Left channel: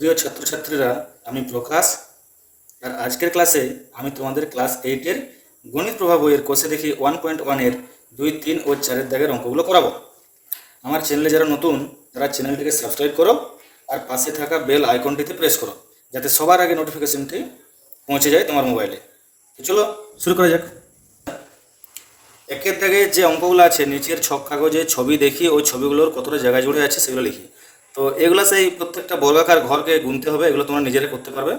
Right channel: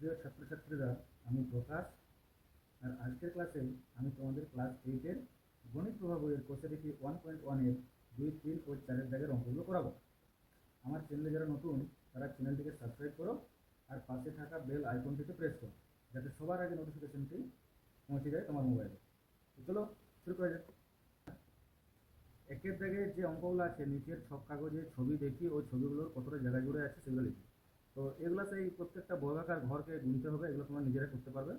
প্রিয় ছাত্রছাত্রীরা, আমি প্রকাশ। আর আজকের ক্লাসে আমি তোমাদের ক্লাস 8-এর গণিত প্রভাব বইয়ের কোষে দেখি 1.1-এর 2, 3 ও 4-এর দাগের অঙ্কগুলো করাবো। আমার চ্যানেলে যারা নতুন তারা চ্যানেলটিকে সাবস্ক্রাইব করো আর পাশে থাকা বেল আইকনটিতে প্রেস করো, যাতে সবার আগে নোটিফিকেশনটি পৌঁছে যায় তোমার মোবাইলে। তো চলো শুরু করা যাক। একের দাগে যে অঙ্কগুলো আছে, নিচের ছক কাগজে ছবি দেখি ওই ছবিগুলোর কতটা জায়গা জুড়ে আছে সেগুলো লিখি। তো এগুলো সেই প্রত্যেকটা বর্গাকার ঘরকে গুনতে হবে, এগুলো তোমরা নিজেরা করতে পারবে।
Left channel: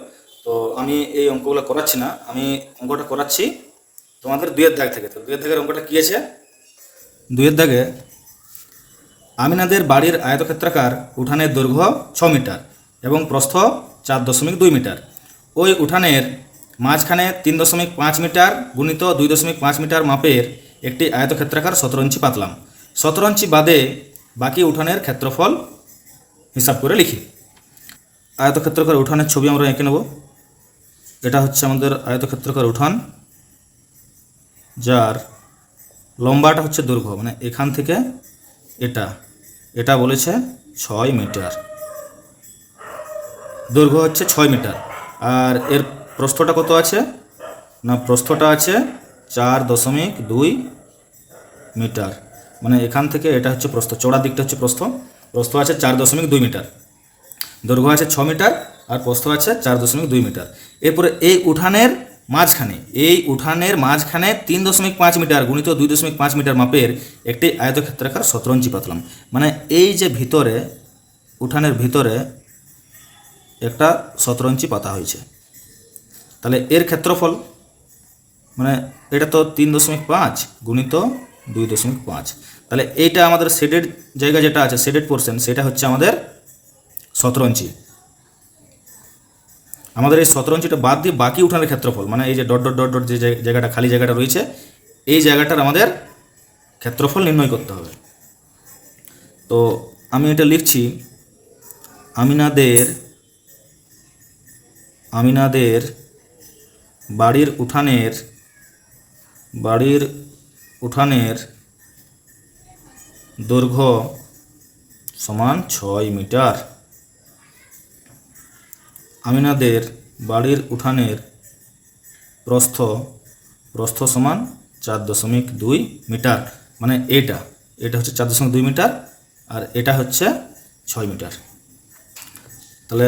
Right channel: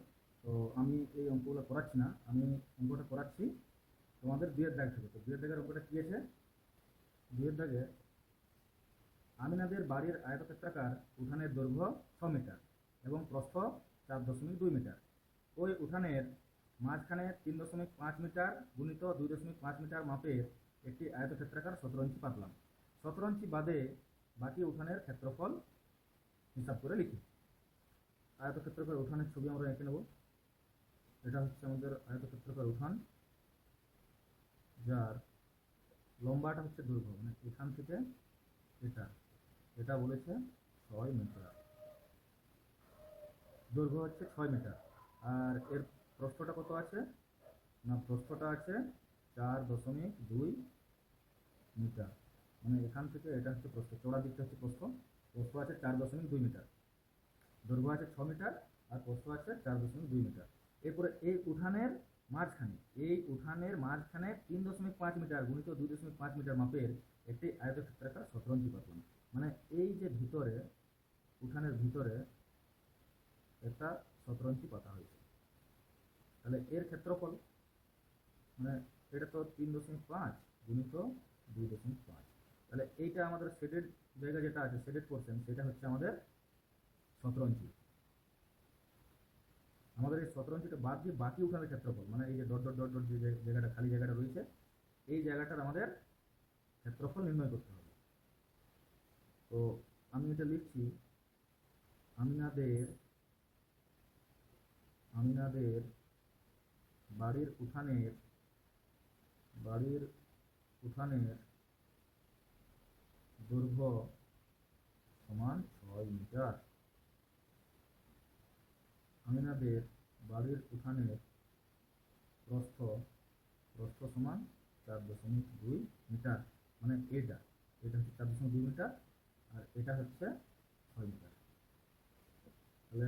তো আমি এই অঙ্কগুলো করাচ্ছি না, আমি অঙ্কটা করাচ্ছি তোমাদের দুইয়ের দাগ থেকে। তো দুইয়ের দাগের অঙ্কটা কী আছে? দুইয়ের দাগে আমিনাদের বাড়ির আয়তক্ষেত্রাকার উঠানের দৈর্ঘ্য 6 মিটার এবং প্রস্থ 4.2 মিটার। ওই উঠানের মাঝখানে 3.5 মিটার গুণিত 2.5 মিটার মাপের একটি আয়তক্ষেত্রাকার 17 ইঞ্চি পাতলাম। 17 ইঞ্চি বাদে বাকি উঠানের ক্ষেত্রফল হিসাব করে লিখি। আয়তক্ষেত্রাকার উঠানের ছবি আমরা এঁকে নেব। এটা হচ্ছে আমাদের আয়তক্ষেত্রাকার উঠান, যার লম্বাটা হচ্ছে দৈর্ঘ্য, মানে এখান থেকে এটা এটা বলেছে 6 মিটার, দৈর্ঘ্য হচ্ছে 6 মিটার। আর এর প্রস্থটা কত আছে না, প্রস্থটা আছে 4.2 মিটার, মানে এখান থেকে এটা হচ্ছে প্রস্থ, চওড়ার দিকটা হচ্ছে প্রস্থ। প্রস্থ আছে 4.2 মিটার, দৈর্ঘ্য আছে 6 মিটার আর প্রস্থ আছে 4.2 মিটার। এরপরে এই উঠানের মাঝখানে 3.5 মিটার গুণিত 2.5 মিটার মাপের একটি আয়তক্ষেত্রাকার 17 ইঞ্চি পাতলাম। মানে এই যে ভিতরে, উঠানের ভিতরে একটা 17 ইঞ্চি পাতা হয়েছে, তাহলে এর ক্ষেত্রফল মানে এটা তো 3.5 গুণিত 2.5, তাহলে এইটা আমাদের শেডেড জায়গা যেটা আছে, শেডেড পোর্শন, সেটা হচ্ছে আমাদের 17 ইঞ্চি। আমাদের এই 17 ইঞ্চিটা বাদ দিয়ে বাকি উঠানের ক্ষেত্রফল, মানে এই যে ডট ডট ডট ডট যে জায়গাটা খালি জায়গাটা রয়েছে, এই জায়গাটার আমাদের ক্ষেত্রফল নির্ণয় করতে হবে। তো আমি এটা লিখছি, আমিনাদের বাড়ির উঠানের দৈর্ঘ্য সমান 6 মিটার। আমিনাদের বাড়ির উঠানের প্রস্থ সমান 4.2 মিটার, মানে এটা হচ্ছে 4.2 মিটার আর এটা হচ্ছে 6 মিটার। তাহলে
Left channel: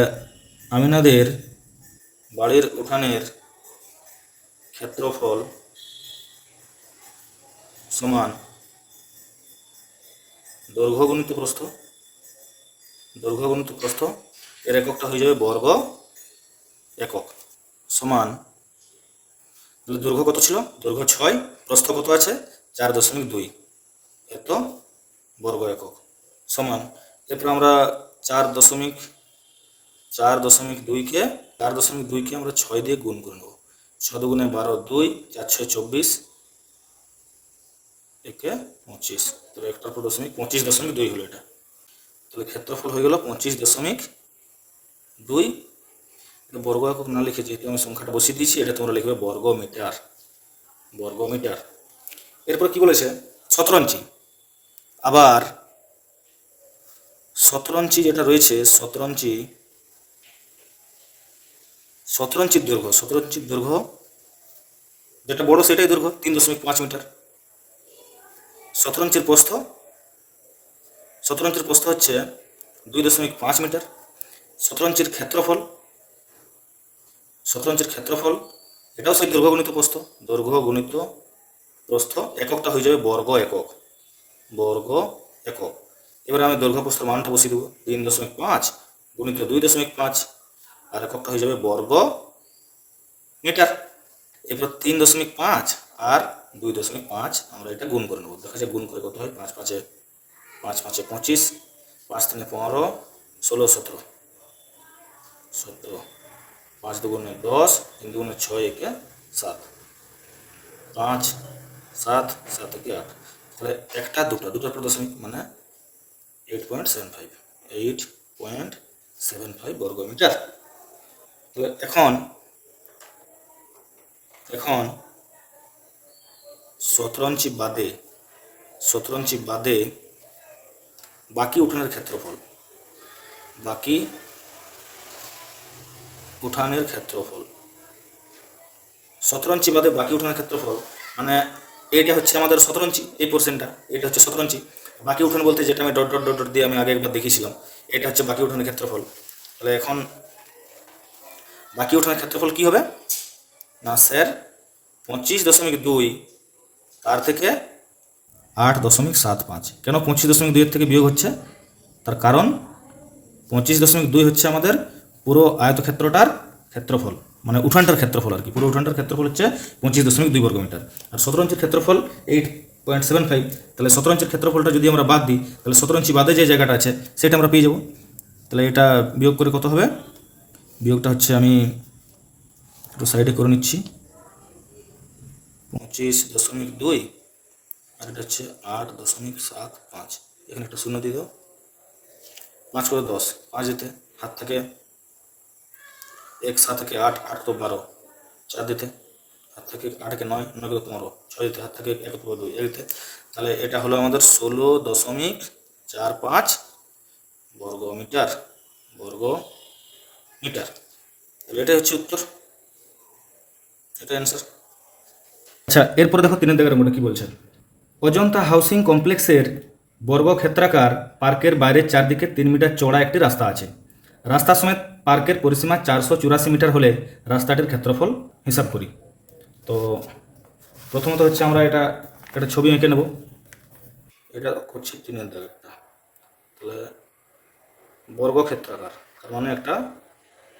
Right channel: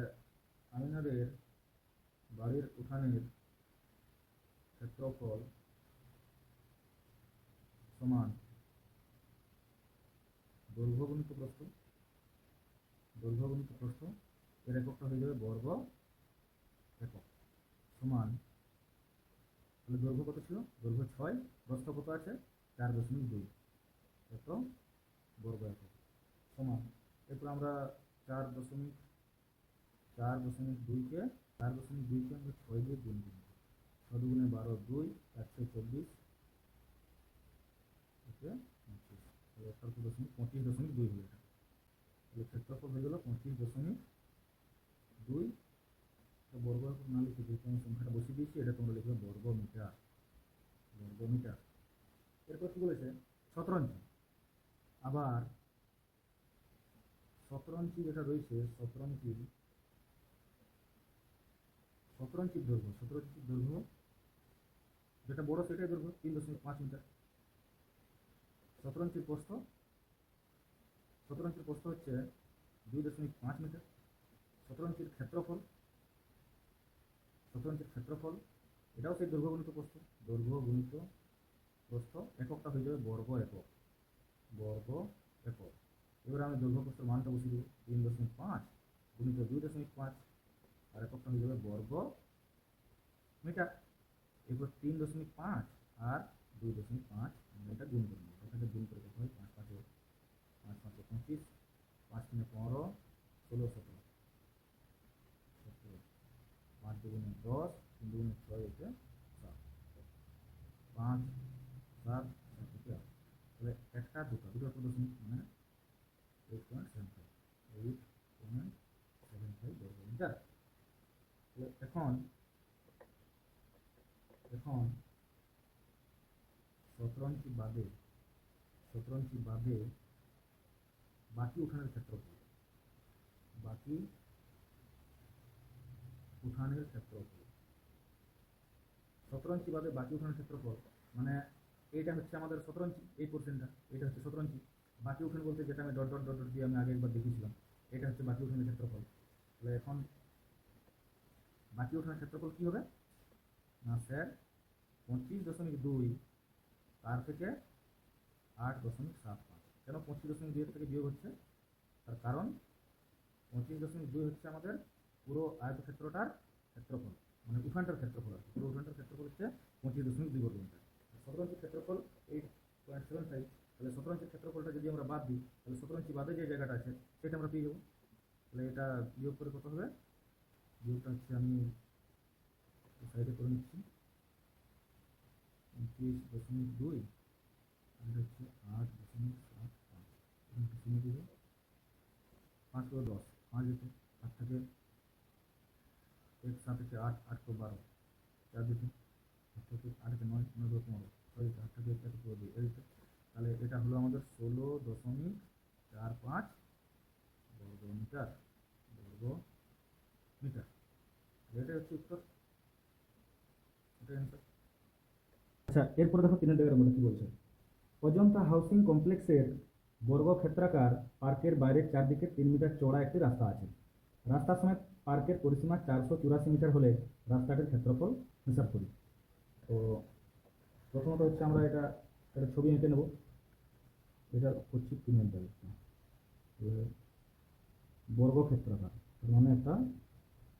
আমিনাদের বাড়ির উঠানের ক্ষেত্রফল সমান দৈর্ঘ্য গুণিত প্রস্থ, এর এককটা হয়ে যাবে বর্গ একক, সমান দৈর্ঘ্য কত ছিল, দৈর্ঘ্য 6, প্রস্থ কত আছে 4.2, এত বর্গ একক সমান। এরপর আমরা 4.2কে আমরা 6 দিয়ে গুণ করে নেব। 6 দুগুণে 12, 2, 4 6 24, একে 25, তাহলে 25.2 হলো এটা। তাহলে ক্ষেত্রফল হয়ে গেল 25.2। বর্গ একক না লিখে যেহেতু আমি সংখ্যাটা বসিয়ে দিয়েছি, এটা তোমরা লিখবে বর্গ মিটার। এরপর কি বলেছে, 17 ইঞ্চি। আবার 17 ইঞ্চি যেটা রয়েছে, 17 ইঞ্চির দৈর্ঘ্য যেটা বড় সেটাই দৈর্ঘ্য 3.5 মিটার। 17 ইঞ্চির প্রস্থ হচ্ছে 2.5 মিটার। 17 ইঞ্চির ক্ষেত্রফল এটাও সেই দৈর্ঘ্য গুণিত প্রস্থ, এককটা হয়ে যাবে বর্গ একক। এবারে আমি দৈর্ঘ্য প্রস্থের মানটা বসিয়ে দেবো, 3.5 গুণিত 2.5 আর এককটা হয়ে যাবে বর্গ মিটার। এরপর 3.5 আর 2.5 আমরা এটা গুণ করে নেবো। দেখা যায় গুণ করে কত হয়, 5 5 25, 5 3 15, 16 17, 5 দুগুণে 10, 3 দুগুণে 6, একে 7, 5 7 7 একে 8, তাহলে একটা দুটোর পর দশমিক, মানে 8.75 বর্গ মিটার। তাহলে এখন 17 ইঞ্চি বাদে বাকি উঠানের ক্ষেত্রফল, বাকি উঠানের ক্ষেত্রফল 17 ইঞ্চি বাদে বাকি উঠানের ক্ষেত্রফল, মানে এইটা হচ্ছে আমাদের 17 ইঞ্চি, এই পোর্শনটা এটা হচ্ছে 17 ইঞ্চি। বাকি উঠান বলতে যেটা আমি ডট ডট ডট ডট দিয়ে আমি আগে একবার দেখিয়েছিলাম, এটা হচ্ছে বাকি উঠানের ক্ষেত্রফল। তাহলে এখন বাকি উঠানের ক্ষেত্রফল কি হবে না স্যার 25.2 তার থেকে 8.75। কেন 25.2 এর থেকে বিয়োগ হচ্ছে? তার কারণ 25.2 হচ্ছে আমাদের পুরো আয়তক্ষেত্রটার ক্ষেত্রফল, মানে উঠানটার ক্ষেত্রফল আর কি। পুরো উঠানটার ক্ষেত্রফল হচ্ছে 25.2 বর্গমিটার। আর 17 ইঞ্চির ক্ষেত্রফল 8.75। তাহলে 17 ইঞ্চির ক্ষেত্রফলটা যদি আমরা বাদ দিই, তাহলে 17 ইঞ্চি বাদে যে জায়গাটা আছে সেটা আমরা পেয়ে যাব। তাহলে এটা বিয়োগ করে কত হবে? বিয়োগটা হচ্ছে আমি একটু সাইডে করে নিচ্ছি। 25.2 আর এটা হচ্ছে 8.75। এখানে একটা শূন্য দিয়ে দাও। 5 করে 10, 5 যেতে হাত থেকে 1, 7 থেকে 8, 8 তো 12, 4 দিতে হাত থেকে 8 কে 9, 9 করে 15, 6 দিতে হাত থেকে 1 করে 2, 1 দিতে। তাহলে এটা হলো আমাদের 16.45 বর্গমিটার। তাহলে এটাই হচ্ছে উত্তর, এটা অ্যান্সার। আচ্ছা, এরপরে দেখো 3 দাগের মধ্যে কি বলছে। অজন্তা হাউসিং কমপ্লেক্সের বর্গক্ষেত্রাকার পার্কের বাইরের চারদিকে 3 মিটার চওড়া একটি রাস্তা আছে। রাস্তা সমেত পার্কের পরিসীমা 484 মিটার হলে রাস্তাটির ক্ষেত্রফল হিসাব করি। তো প্রথমত হচ্ছে আমরা একটা ছবি এঁকে নেব। এটা করছি 3 দাগেরটা। তাহলে বর্গক্ষেত্রাকার, তার মানে একটা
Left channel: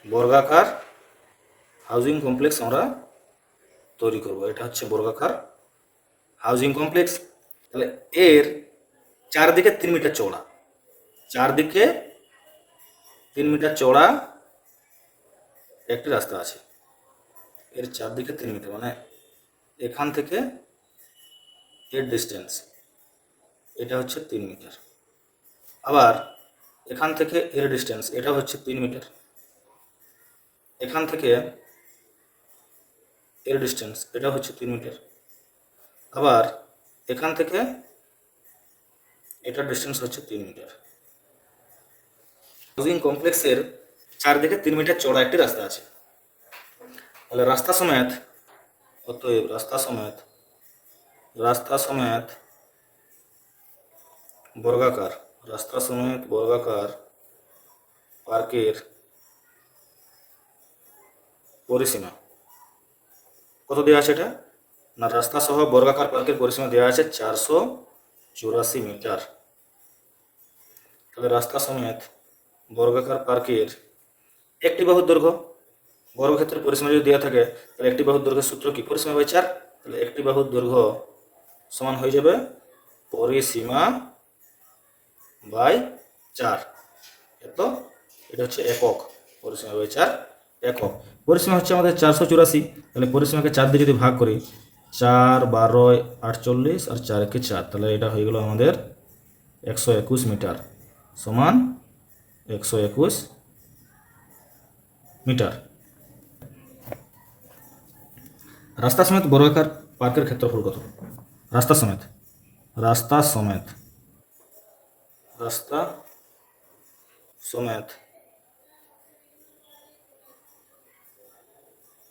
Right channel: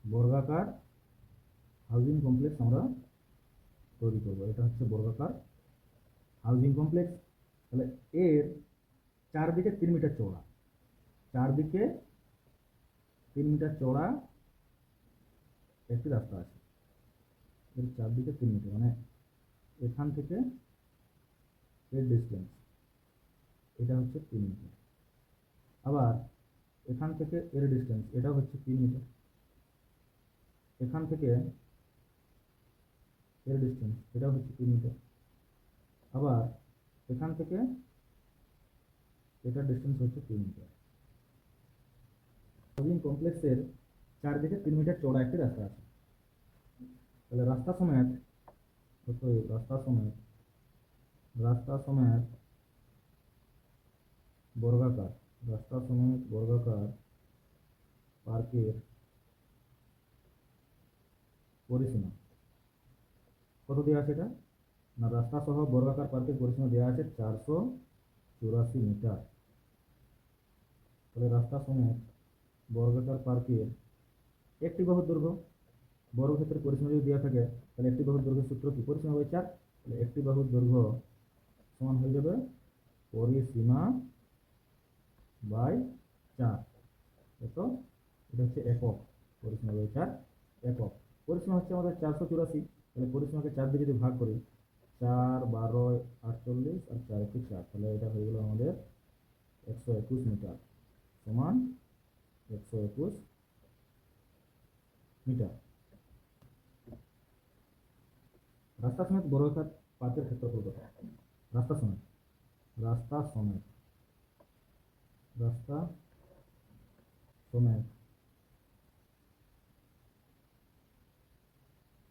বর্গাকার হাউজিং কমপ্লেক্স আমরা তৈরি করব। এটা হচ্ছে বর্গাকার হাউজিং কমপ্লেক্স। তাহলে এর চারদিকে 3 মিটার চওড়া, চারদিকে 3 মিটার চওড়া একটি রাস্তা আছে। এর চারদিকে 3 মিটার, মানে এখান থেকে এর ডিস্টেন্স এটা হচ্ছে 3 মিটার। আবার এখান থেকে এর ডিস্টেন্স এটা হচ্ছে 3 মিটার। এখান থেকে এর ডিস্টেন্স এটা হচ্ছে 3 মিটার। আবার এখান থেকে এটার ডিস্টেন্স হচ্ছে 3 মিটার। হাউজিং কমপ্লেক্সের চারদিকে 3 মিটার চওড়া একটি রাস্তা আছে। তাহলে রাস্তা সমেত, অতএব রাস্তা সমেত বর্গাকার পার্কের পরিসীমা কত দেওয়া আছে? এটা না রাস্তা সহ বর্গাকার পার্কের পরিসীমা দেওয়া আছে 484 মিটার। তাহলে রাস্তা সমেত বর্গাকার পার্কের একটি বাহুর দৈর্ঘ্য, বর্গক্ষেত্রের পরিসীমা যদি দেওয়া থাকে তাহলে একটি বাহুর দৈর্ঘ্যের সূত্র কি? পরিসীমা বাই 4। তাহলে একটি বাহুর দৈর্ঘ্য সমান হয়ে যাবে পরিসীমা বাই 4। এটা হচ্ছে একক, পরিসীমা বাই 4 একক। পরিসীমা হচ্ছে আমাদের 484। তাহলে পরিসীমাকে 4 দিয়ে যদি ভাগ করি, 4 12 48 আর 4 কে 4, তাহলে এটা হয়ে গেল আমাদের 121 মিটার সমান 121 মিটার। রাস্তা সমেত বর্গাকার পার্কের ক্ষেত্রফল কত? রাস্তা সমেত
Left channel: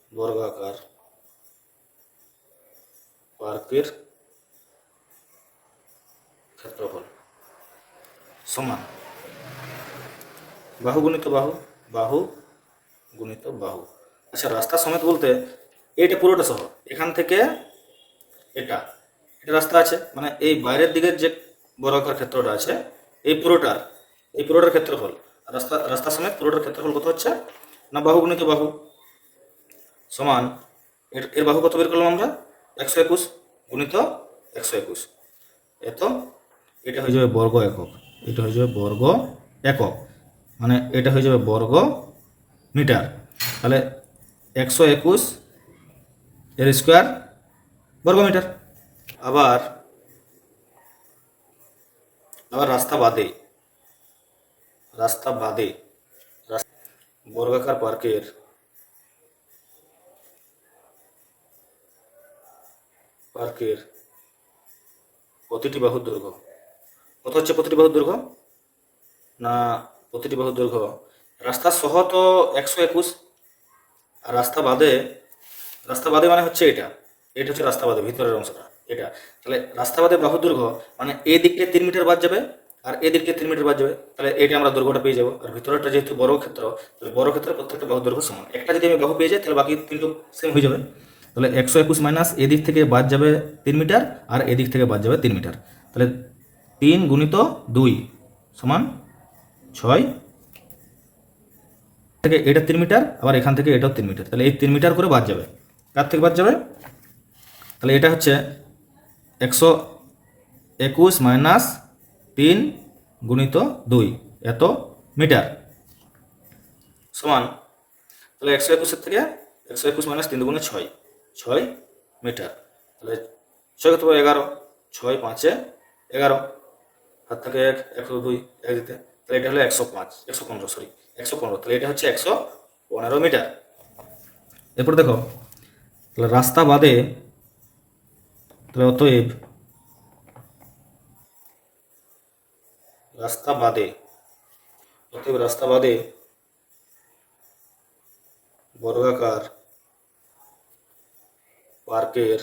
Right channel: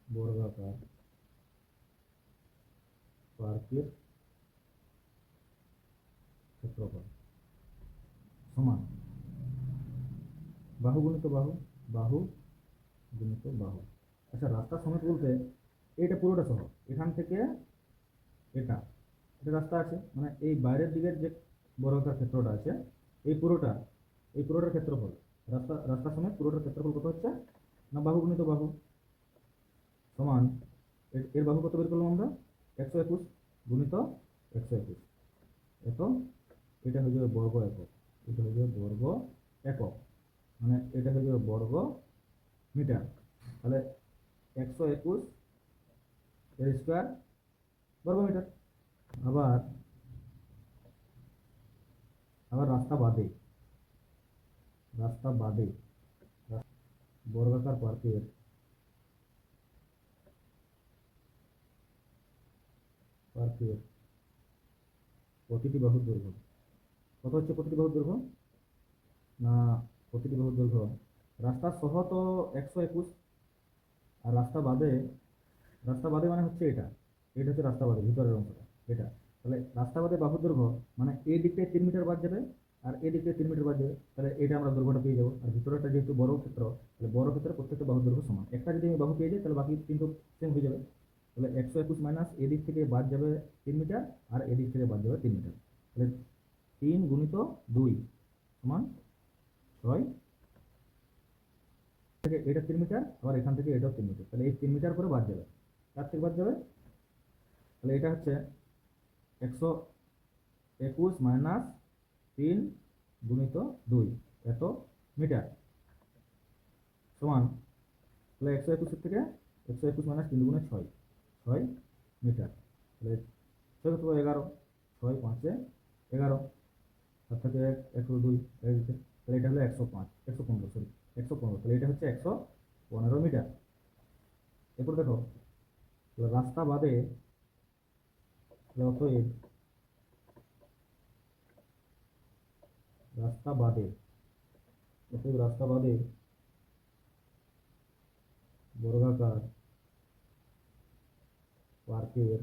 বর্গাকার পার্কের ক্ষেত্রফল সমান বাহু গুণিত বাহু। আচ্ছা, রাস্তা সমেত বলতে এটা পুরোটা সহ, এখান থেকে এটা রাস্তা আছে, মানে এই বাইরের দিকের যে বর্গাকার ক্ষেত্রটা আছে এই পুরোটার ক্ষেত্রফল। রাস্তা সমেত পুরোটার ক্ষেত্রফল কত হচ্ছে না বাহু গুণিত বাহু সমান এর বাহু কত বের করলাম আমরা? 121 গুণিত 121। এটা হয়ে যাবে বর্গ একক, মানে এটা হয়ে যাবে বর্গ মিটার। তাহলে 121 এর স্কোয়ার বর্গ মিটার। আবার রাস্তা বাদে বর্গাকার পার্কের প্রতিটি বাহুর দৈর্ঘ্য কত হচ্ছে? প্রতিটি বাহুর দৈর্ঘ্য রাস্তা সহ তো 121, আর রাস্তা বাদে মানে হচ্ছে এটা, এটা হচ্ছে রাস্তা বাদে ভিতরের অংশটা এটা। তাহলে রাস্তা বাদে বাহু দৈর্ঘ্য মানে এই দিকটা 3 মিটার বাদ যাবে আর এই দিকটা 3 মিটার বাদ যাবে, তাহলে এটা আমরা দৈর্ঘ্যটা পেয়ে যাবো। আর ভিতরেরটা যেহেতু বড় ক্ষেত্র, তাহলে বড় ক্ষেত্রে প্রত্যেকটা বাহু দৈর্ঘ্য সমান। একটা যদি আমি বাহু পেয়ে যাই তাহলে বাকি তিনটে সেম হয়ে যাবে। তাহলে 121 মাইনাস এদিক থেকে বাদ যাবে 3 মিটার আর এদিক থেকে বাদ যাবে 3 মিটার। তাহলে 3 গুণিত 2 সমান 6 থেকে এটা 3 মিটার, আবার এখান থেকে এটাও 3 মিটার, তাহলে এই 3 মিটার করে বাদ যাবে। কার থেকে বাদ যাবে? তাহলে এটা হচ্ছে 121 মাইনাস 3 গুণিত 2 এত মিটার সমান, তাহলে 121 থেকে 121 মাইনাস 3 গুণে 6 মিটার। তাহলে 6 কত 11, 6 5 11, হাত থেকে 1 102 এক দিতে, তাহলে এটা হলো 115, তাহলে এটা হচ্ছে 115 মিটার। এরপর দেখো, তাহলে রাস্তা বাদে, তাহলে অতএব রাস্তা বাদে বর্গাকার পার্কের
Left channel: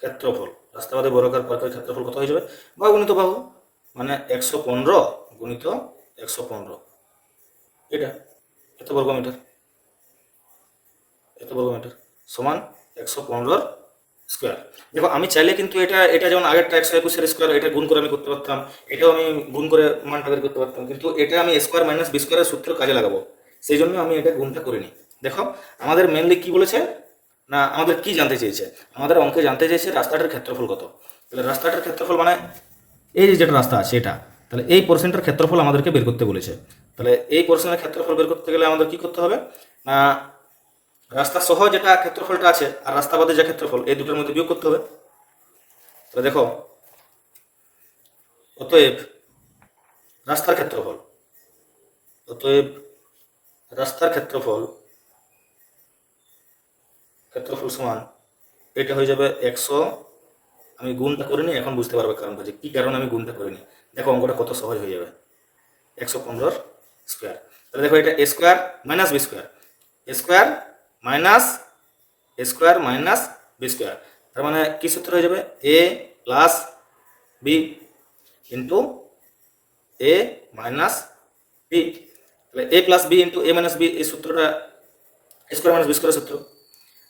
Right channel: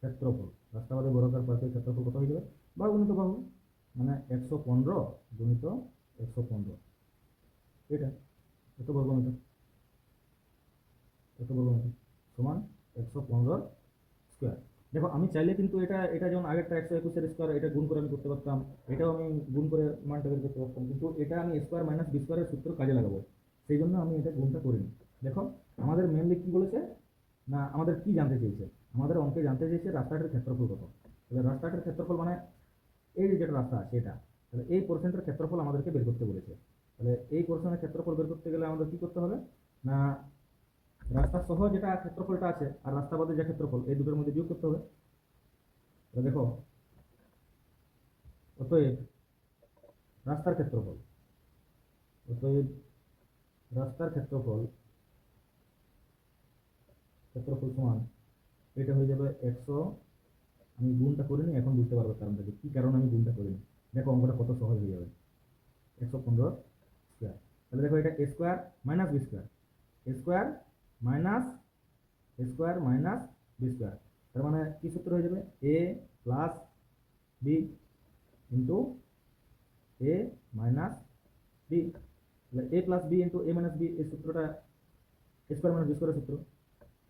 ক্ষেত্রফল, রাস্তা বাদে বর্গাকার পার্কের ক্ষেত্রফল কত হয়ে যাবে? বাহু গুণিত বাহু, মানে 115 গুণিত 115, এটা এত বর্গমিটার সমান 115 স্কোয়ার। দেখো আমি চাইলে কিন্তু এটা যেমন আগেরটা 121 স্কোয়ার, এটা গুণ করে আমি করতে পারতাম, এটাও আমি গুণ করে মানটা বের করতে পারতাম, কিন্তু এটা আমি স্কোয়ার মাইনাস বি স্কোয়ারের সূত্র কাজে লাগাবো, সেই জন্য আমি এটা গুণটা করিনি। দেখো আমাদের মেনলি কি বলেছে না, আমাদের কি জানতে চেয়েছে, আমাদের অঙ্কে জানতে চেয়েছে রাস্তাটার ক্ষেত্রফল কত। তাহলে রাস্তাটার ক্ষেত্রফল মানে এই যে যেটা রাস্তা আছে এটা, তাহলে এই পোর্শনটার ক্ষেত্রফল আমাদেরকে বের করতে বলেছে। তাহলে এই পোর্শনের ক্ষেত্রফল বের করতে গেলে আমাদের কি করতে হবে না, রাস্তা সহ যেটা ক্ষেত্রফলটা আছে আর রাস্তা বাদে যে ক্ষেত্রফল, এই দুটোর মধ্যে বিয়োগ করতে হবে। তাহলে দেখো, অতএব রাস্তার ক্ষেত্রফল সমান এটা হয়ে যাবে 100, আমি গুণটা করিনি, এখন বুঝতে পারবে কারণটা যে কী কারণে আমি গুণটা করিনি। দেখো অঙ্কটা কত সহজ হয়ে যাবে, 115 স্কোয়ার। তাহলে দেখো এটা এ স্কোয়ার মাইনাস বি স্কোয়ার, এ স্কোয়ার মাইনাস বি স্কোয়ার, তার মানে কী সূত্র হয়ে যাবে? এ প্লাস বি ইন্টু এ মাইনাস বি। তাহলে এ প্লাস বি ইন্টু এ মাইনাস বি, এই সূত্রটা স্কোয়ার মাইনাস বি স্কোয়ারের সূত্র।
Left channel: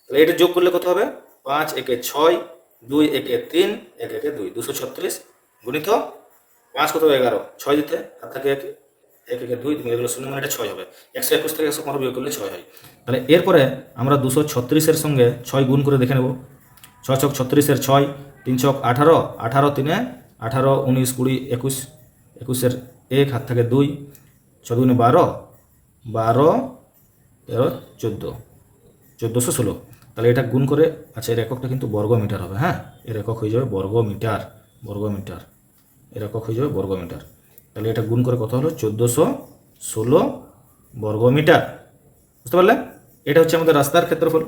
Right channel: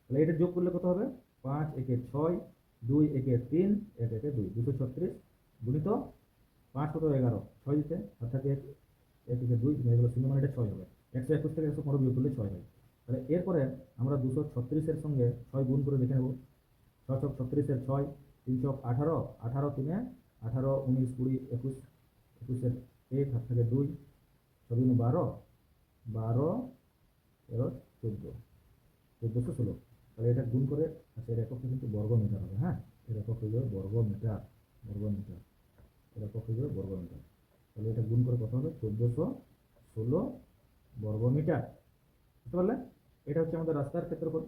তাহলে এটা যোগ করলে কত হবে? 5 একে 6, 2 একে 3, 1 একে 2, 236 গুণিত 5 কত 11, 6 দিতে হাত থেকে 1 একে 2, তুমি এগুলো 0 মানে এটা 6 হবে। 121 থেকে 115 বিয়োগ করলে 6 হয়। তাহলে এরপরে আমরা 236-এর সঙ্গে 6 গুণ করে দেখে নেব। 6 ছক 36-এর 6, 3 ছক 18, 18 3 18, 19 20 21, 21-এর 1 হাত থেকে 2, 6 2 12, 12 13 14, 1416। তাহলে এটা গুণ করে, আচ্ছা এর এককটা কিন্তু বর্গ মিটার হবে, হ্যাঁ এর একক হয়ে যাবে বর্গ মিটার, এর একক হয়ে যাবে বর্গ মিটার। তাহলে এটা গুণ করে কত হলো? 1416 বর্গ মিটার। বুঝতে পারলে? এটা হচ্ছে আমাদের রাস্তার ক্ষেত্রফল।